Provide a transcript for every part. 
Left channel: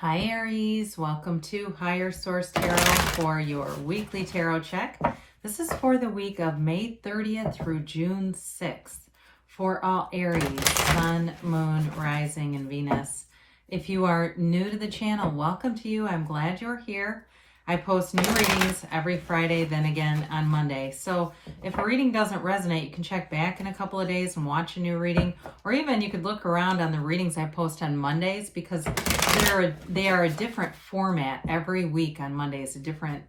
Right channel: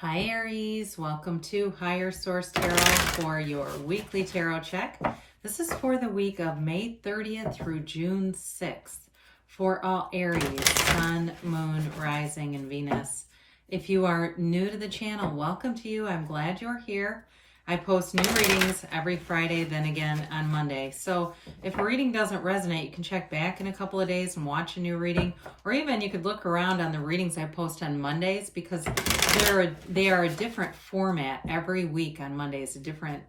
Hi Aries, welcome to Higher Source Tarot for your weekly tarot check. This is for the week of May 30th through June 6th for all Aries, Sun, Moon, Rising, and Venus. If you are new to the channel, welcome to you. I'm glad you're here. I post new readings every Friday, then again on Monday. So if a reading doesn't resonate, you can check back in a couple of days and watch a new reading. Or even you could look around on the readings I post on Mondays because they are a different format every week on Mondays, a different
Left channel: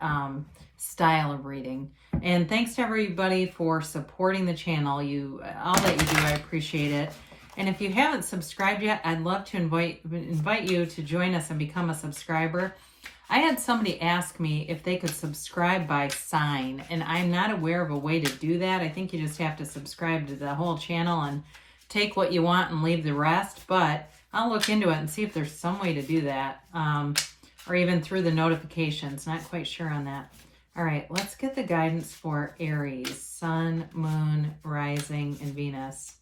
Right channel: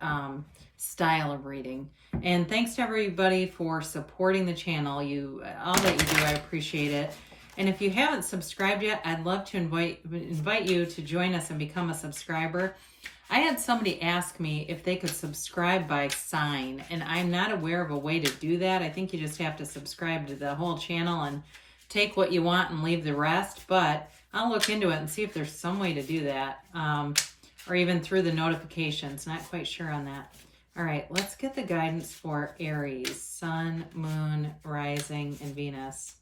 style of reading. And thanks to everybody for supporting the channel. All that you do, I appreciate it. And if you haven't subscribed yet, I'd love to invite you to join us and become a subscriber. I had somebody ask me if they could subscribe by sign, and I'm not aware of a way to do that. I think you just have to subscribe to the whole channel and take what you want and leave the rest, but I'll look into it and see if there's some way to do that, or even through the notifications. Not quite sure on that. All right, let's get the guidance for Aries, Sun, Moon, Rising, and Venus.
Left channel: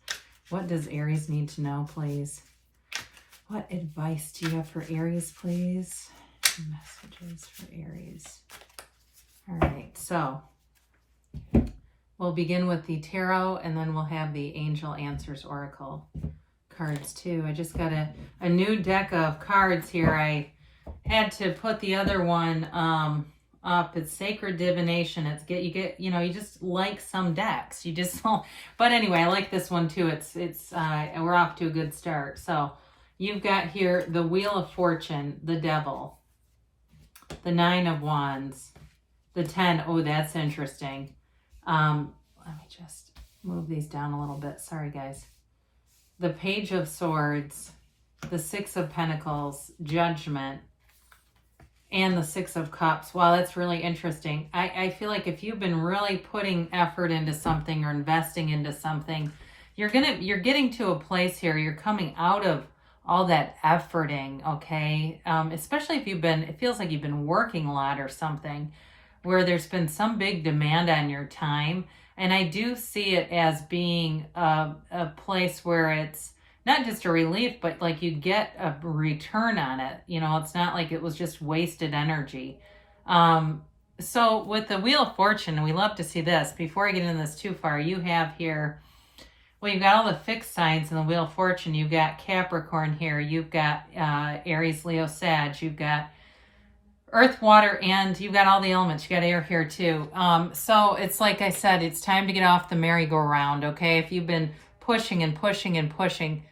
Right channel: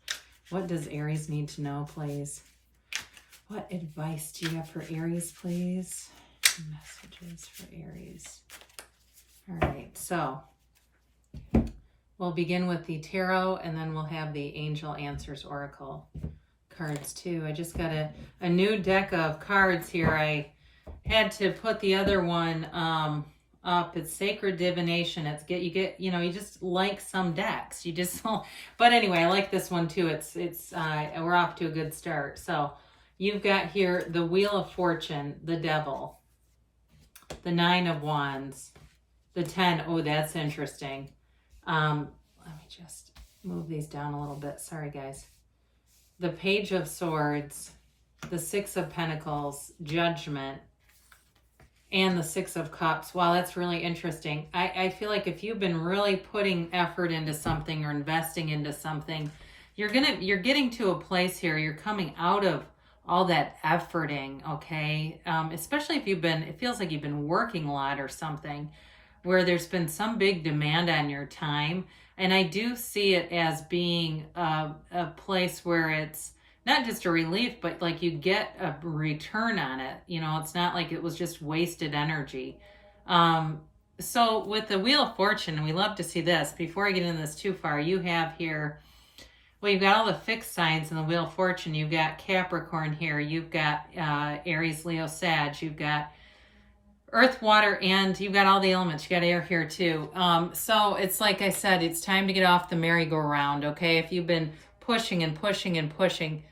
What does Aries need to know, please? What advice do you have for Aries, please? Messages for Aries. All right, so we'll begin with the tarot, and then we'll have the Angel Answers Oracle cards too. I just got a new deck of cards here. I had to put the other one up. It's Sacred Divination. You just like some decks. You just but anyway, I like this one too. We're off to a good start. So you've got here the Wheel of Fortune, the Devil, the Nine of Wands, the 10. Oh, that's interesting. Let me just move these down a little bit. Sorry, guys. The Page of Swords, the Six of Pentacles, Judgment, and the Six of Cups. Wow, that's really interesting. I feel like if you've been really putting effort into something or investing into something, you're getting to a place here. You're coming out of all that efforting, okay? Especially if it feels like you've been working a lot or something, where there's been some big demand on your time. And I do see it as being a place where it's not just a relief, but like you get a return on it. It's not like it was just wasted energy. So with the Wheel of Fortune, we love to see this. Before I get into this too far, you have here, well, you've got all the fixed signs in the Wheel of Fortune. You've got Capricorn here. You've got Aries, Leo, Sag. You've got Earth, Water, and you've got all the elements. You got air here too. So it's like I said, it's time to get off the merry-go-round, okay? If you've been pushing and pushing and pushing,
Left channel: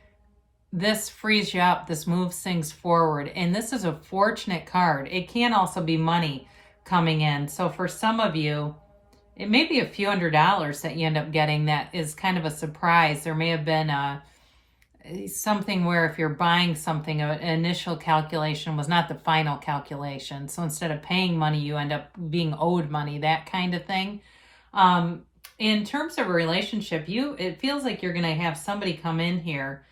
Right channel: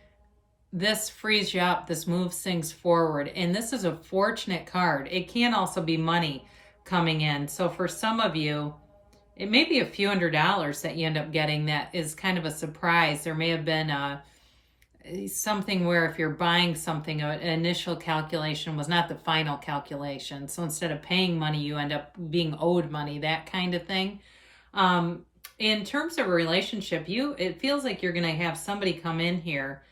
this frees you up. This moves things forward. And this is a fortunate card. It can also be money coming in. So for some of you, it may be a few $100s that you end up getting that is kind of a surprise. There may have been something where if you're buying something, an initial calculation was not the final calculation. So instead of paying money, you end up being owed money, that kind of thing. In terms of a relationship, it feels like you're going to have somebody come in here,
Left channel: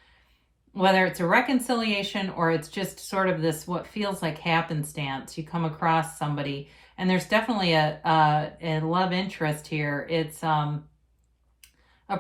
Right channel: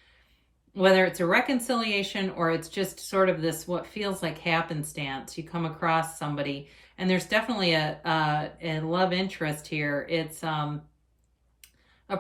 whether it's a reconciliation or it's just sort of this what feels like happenstance. You come across somebody, and there's definitely a love interest here. It's a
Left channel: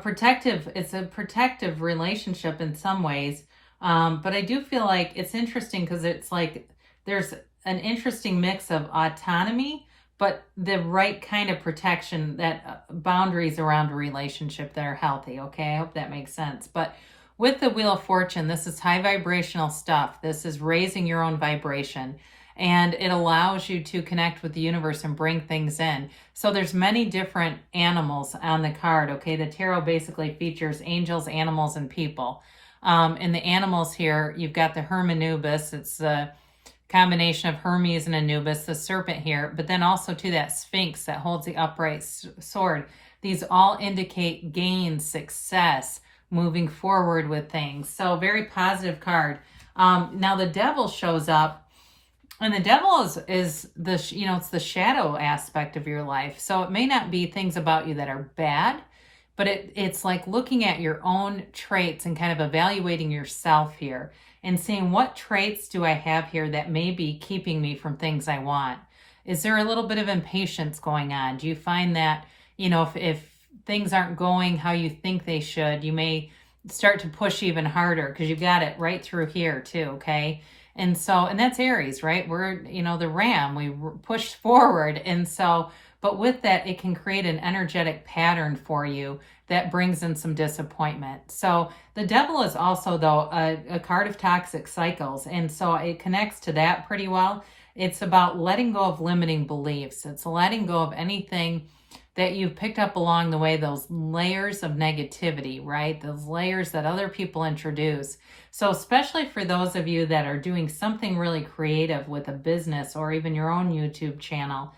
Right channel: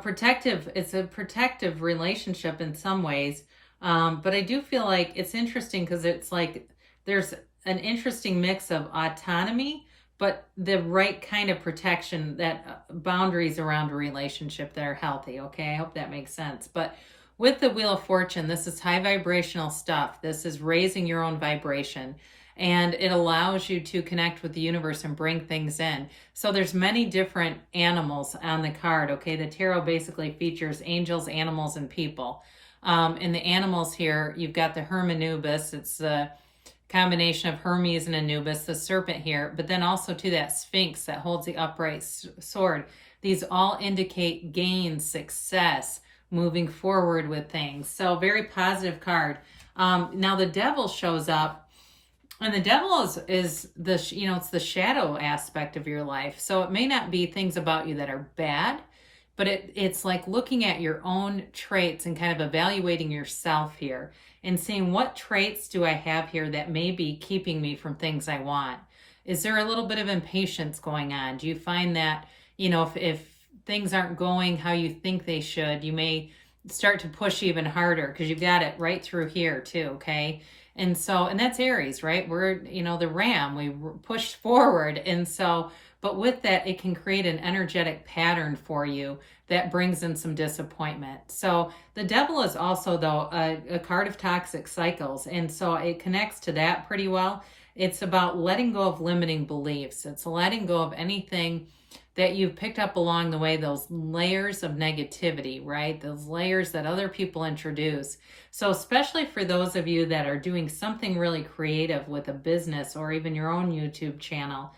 protective relationship in some ways. But I do feel like it's interesting because it's like there's an interesting mix of autonomy, but the right kind of protection, that boundaries around a relationship that are healthy. Okay, I hope that makes sense. But with the Wheel of Fortune, this is high vibrational stuff. This is raising your own vibration. And it allows you to connect with the universe and bring things in. So there's many different animals on the card, okay? The tarot basically features angels, animals, and people. In the animals here, you've got the Hermanubis. It's the combination of Hermes and Anubis, the serpent here. But then also to that Sphinx that holds the upright sword. These all indicate gain, success, moving forward with things. So very positive card. Now the Devil shows up. And the Devil is it's the shadow aspect of your life. So it may not be things about you that are bad, but it's like looking at your own traits and kind of evaluating yourself here and seeing what traits do I have here that may be keeping me from things I want. Is there a little bit of impatience going on? Do you find that, if things aren't going how you think they should, you may start to push even harder because you got it right through here too, okay? And so, and that's Aries, right? We're, the ram, we push forward. And so, but with that, it can create an energetic pattern for you that brings in some disappointment. So the devil is also, though, a card of toxic cycles. And so it connects to that pretty well. It's about letting go of limiting beliefs. It's letting go of anything that you've picked up along the way, those layers of negativity, right? Those layers that other people introduce. So especially for those of you that are doing something really creative with a business or even your own YouTube channel,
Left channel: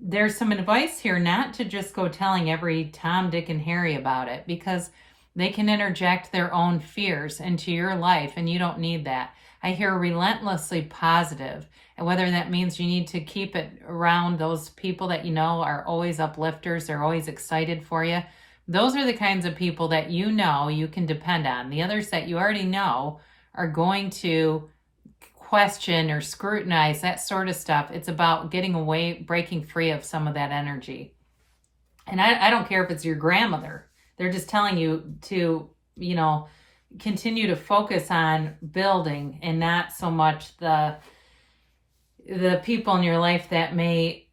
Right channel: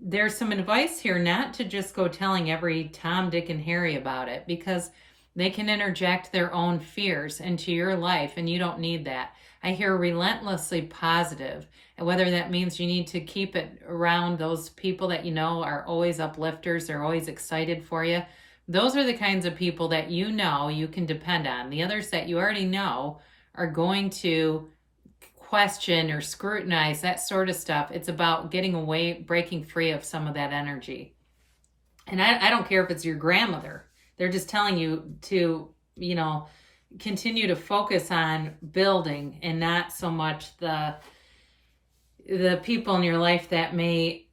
there's some advice here not to just go telling every Tom, Dick, and Harry about it, because they can interject their own fears into your life, and you don't need that. I hear relentlessly positive, and whether that means you need to keep it around those people that you know are always uplifters, they're always excited for you. Those are the kinds of people that you know you can depend on. The others that you already know are going to question or scrutinize, that sort of stuff. It's about getting away, breaking free of some of that energy. And I don't care if it's your grandmother. They're just telling you to, continue to focus on building and not so much the people in your life that may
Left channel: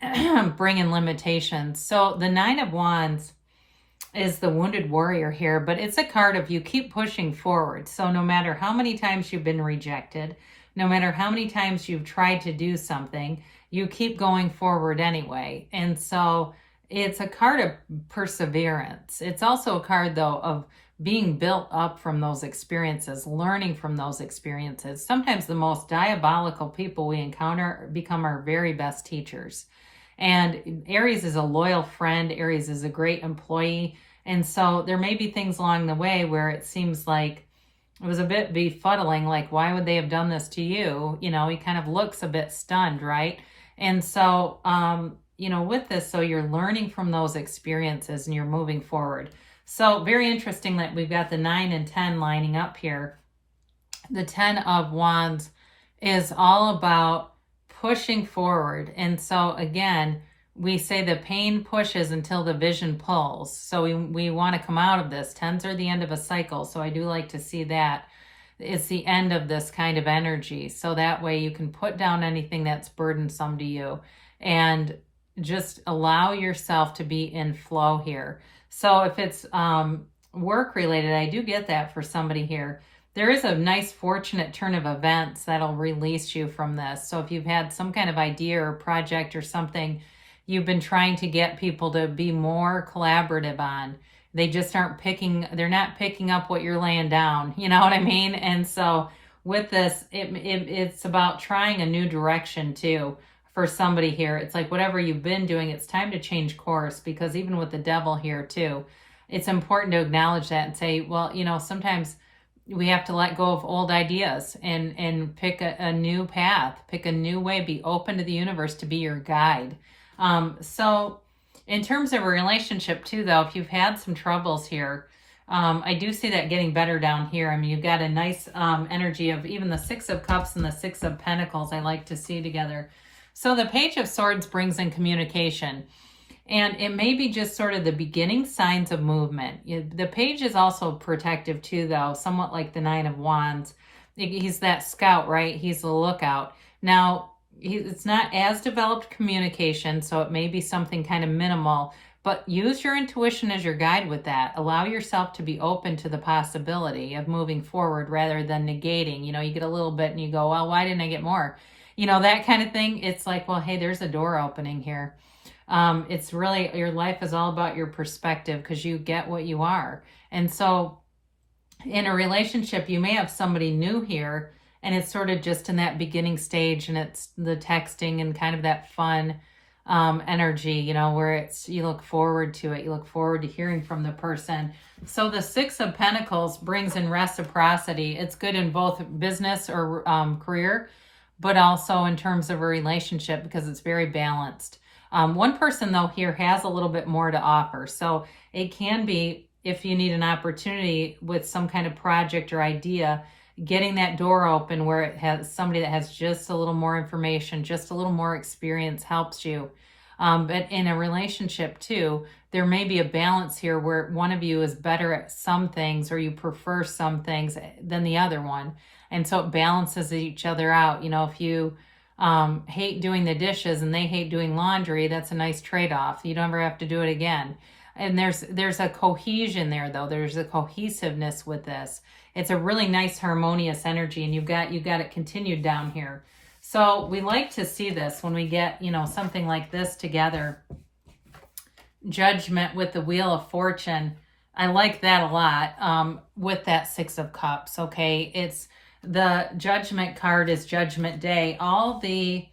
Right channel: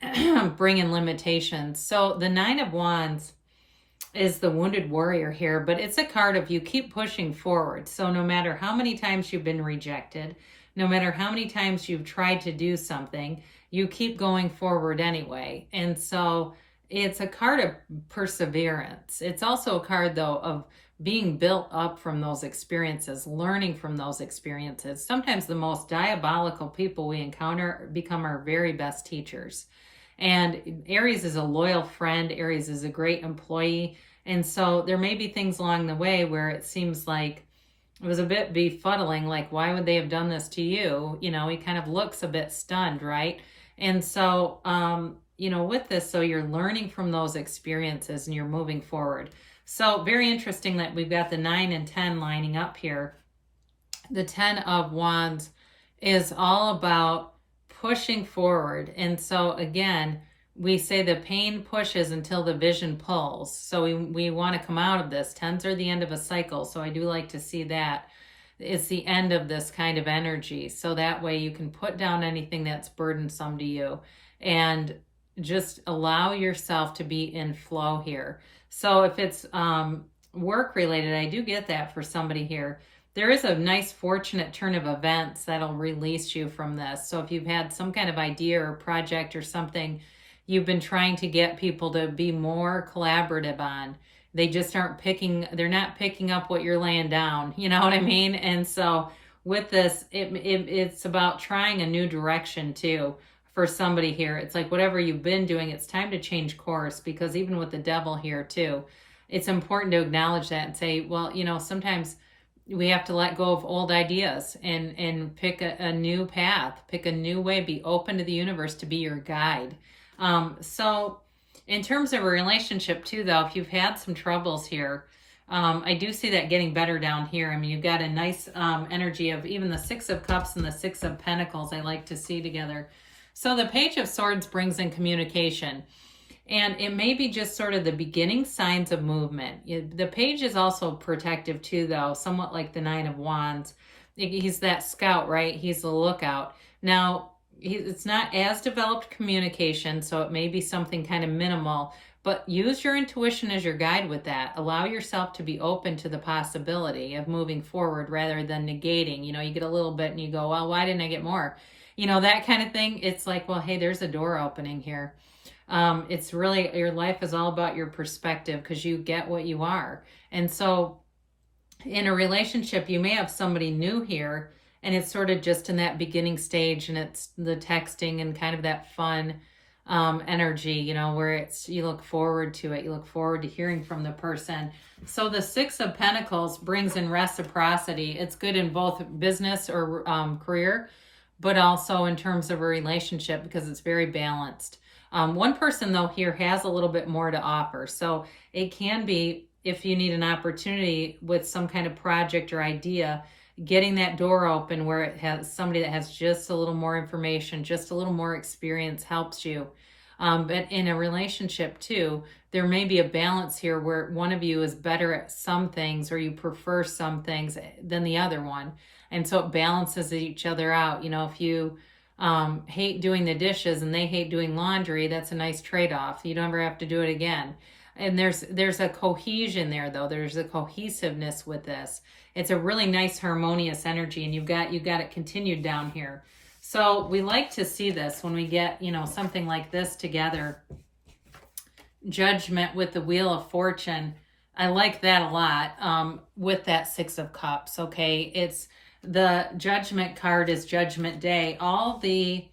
bring in limitations. So the Nine of Wands is the wounded warrior here, but it's a card of you keep pushing forward. So no matter how many times you've been rejected, no matter how many times you've tried to do something, you keep going forward anyway. And so it's a card of perseverance. It's also a card, though, of being built up from those experiences, learning from those experiences. Sometimes the most diabolical people we encounter become our very best teachers. And Aries is a loyal friend. Aries is a great employee. And so there may be things along the way where it seems like it was a bit befuddling, like, why would they have done this to you? He kind of looks a bit stunned, right? And so, with this, so you're learning from those experiences and you're moving forward. So very interesting that we've got the 9 and 10 lining up here. The 10 of Wands is all about pushing forward. And so again, we say the pain pushes until the vision pulls. So we want to come out of this. 10s are the end of a cycle. So I do like to see that it's the end of this kind of energy. So that way you can put down anything that's burdensome to you and just allow yourself to be in flow here. So if it's work related, I do get that for somebody here. There is a nice fortunate turn of events that'll release you from this. So if you've had some kind of idea or project or something you've been trying to get people to be more collaborative on, they just they're not picking up what you're laying down. You know what I mean? And so with this, it's about trying a new direction too for somebody here. It's like whatever you've been doing, it's time to change course, because even with the devil here too, it's important to acknowledge that and say, well, sometimes we have to let go of old ideas and pick a new path, pick a new way, be open to the universe to be your guide. So in terms of a relationship too, though, if you've had some troubles here, I do see that getting better down here. I mean, you've got a nice energy of even the 6 of Cups and the 6 of Pentacles I like to see together. So the Page of Swords brings in communication. And it may be just sort of the beginning signs of movement. The page is also protective too, though, somewhat like the 9 of Wands. He's that scout, right? He's the lookout. Now, it's not as developed communication, so it may be something kind of minimal, but use your intuition as your guide with that. Allow yourself to be open to the possibility of moving forward rather than negating. You get a little bit and you go, well, why didn't I get more? That kind of thing. It's like, well, hey, there's a door opening here. It's really, your life is all about your perspective because you get what you are. And so in a relationship, you may have somebody new here and it's sort of just in that beginning stage, and it's the texting and kind of that fun energy, where you look forward to it. You look forward to hearing from the person. So the 6 of Pentacles brings in reciprocity. It's good in both business or career, but also in terms of a relationship because it's very balanced. One person, though, here has a little bit more to offer. So it can be, if you need an opportunity with some kind of project or idea, getting that door open where it has somebody that has just a little more information, just a little more experience helps you. But in a relationship too, there may be a balance here where one of you is better at some things or you prefer some things than the other one. And so it balances each other out. If you hate doing the dishes and they hate doing laundry, that's a nice trade-off. You don't ever have to do it again. And there's a cohesion there, though. There's a cohesiveness with this. It's a really nice harmonious energy, and you've got it continued down here. So we like to see this when we get, something like this together. Judgment with the Wheel of Fortune. I like that a lot with that Six of Cups, okay? It's the Judgment card is Judgment Day. All the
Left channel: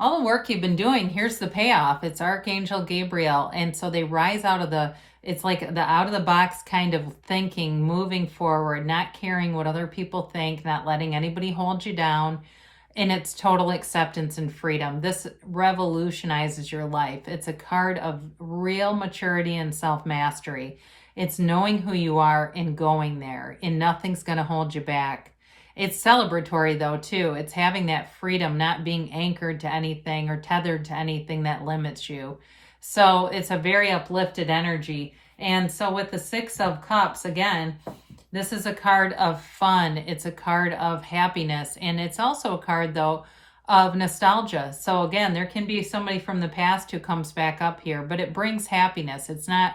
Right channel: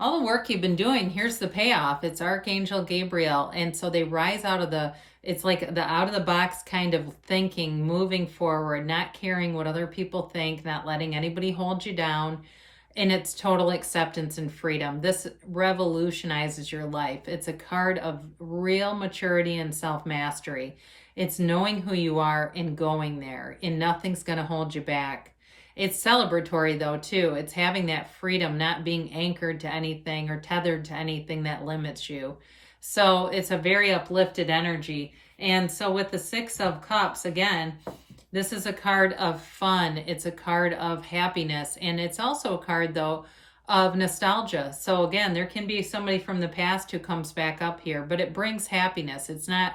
work you've been doing, here's the payoff. It's Archangel Gabriel. And so they rise out of it's like the out of the box kind of thinking, moving forward, not caring what other people think, not letting anybody hold you down. And it's total acceptance and freedom. This revolutionizes your life. It's a card of real maturity and self-mastery. It's knowing who you are and going there, and nothing's going to hold you back. It's celebratory, though, too. It's having that freedom, not being anchored to anything or tethered to anything that limits you. So it's a very uplifted energy. And so with the Six of Cups, again, this is a card of fun. It's a card of happiness. And it's also a card, though, of nostalgia. So again, there can be somebody from the past who comes back up here, but it brings happiness. It's not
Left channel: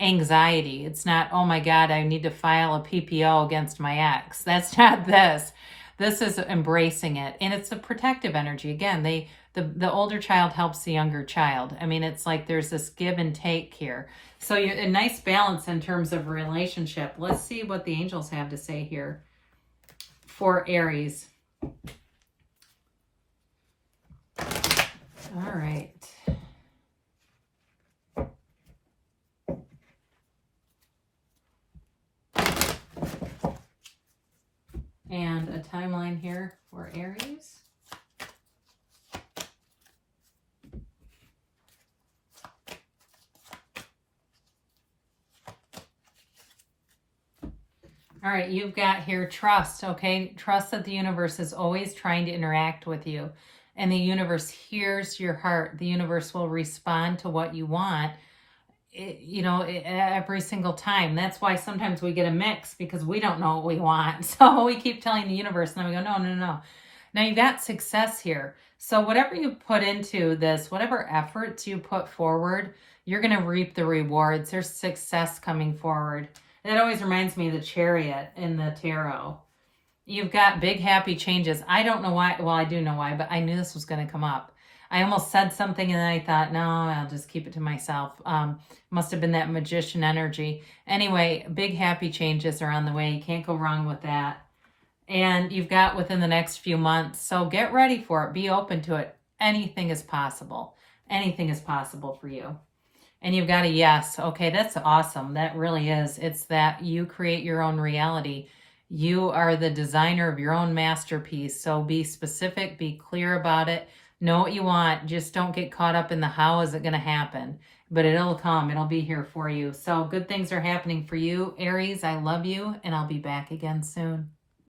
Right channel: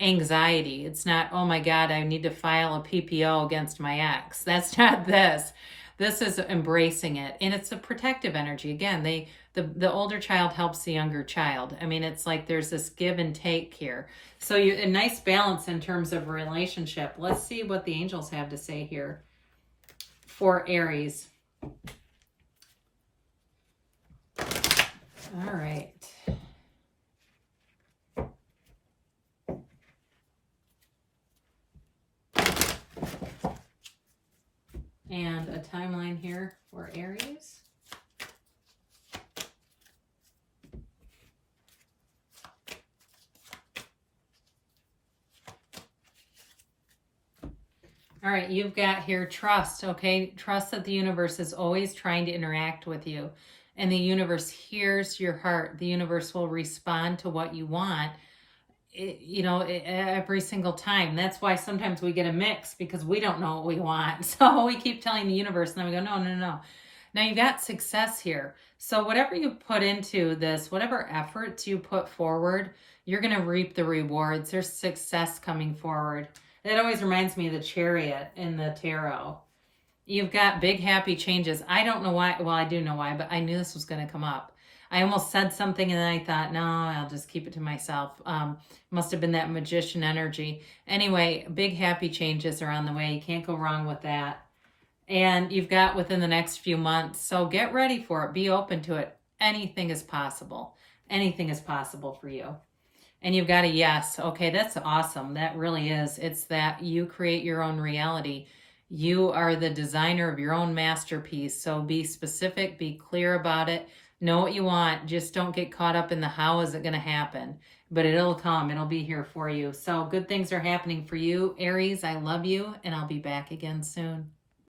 anxiety. It's not, oh my God, I need to file a PPO against my ex. That's not this. This is embracing it. And it's a protective energy. Again, the older child helps the younger child. I mean, it's like there's this give and take here. So a nice balance in terms of relationship. Let's see what the angels have to say here for Aries. All right. And a timeline here for Aries. All right, you've got here trust, okay? Trust that the universe is always trying to interact with you. And the universe hears your heart. The universe will respond to what you want, every single time. That's why sometimes we get a mix, because we don't know what we want. So we keep telling the universe, and then we go, no. Now you got success here. So whatever you put into this, whatever efforts you put forward, you're going to reap the rewards. There's success coming forward. And it always reminds me of the Chariot in the tarot. You've got big happy changes. I don't know why. Well, I do know why, but I knew this was going to come up. I almost said something and then I thought, no, I'll just keep it to myself. Must have been that magician energy. Anyway, big happy changes are on the way. You can't go wrong with that. And you've got within the next few months. So get ready for it. Be open to it. Anything is possible. Anything is possible for you. And you've got a yes. Okay, that's awesome. That really is. It's that you create your own reality. You are the designer of your own masterpiece. So be specific, be clear about it. Know what you want. Just don't get caught up in the how is it going to happen. But it'll come. It'll be here for you. So good things are happening for you. Aries, I love you, and I'll be back again soon.